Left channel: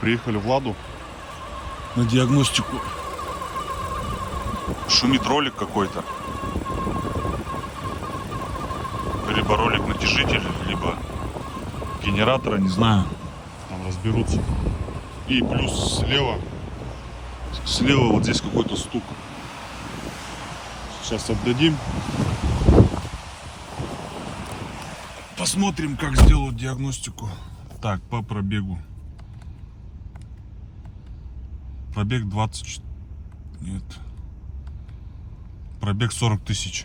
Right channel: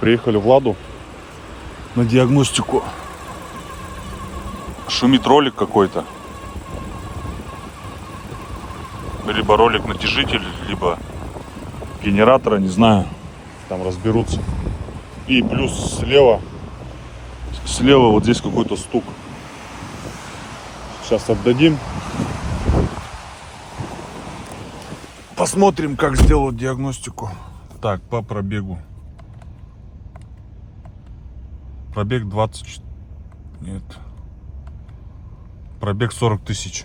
Приехали в Ладу на диагностику. Шумит ролик какой-то. Либо ролик натяжитель, либо генератора, не знаю. Там разберутся. И плюс слева вот здесь какой-то стук. Сейчас отдадим. Посмотрим, как сделают диагностику. Так, по пробегу. Пробег 20... Нет. Пробег 40 тысяч.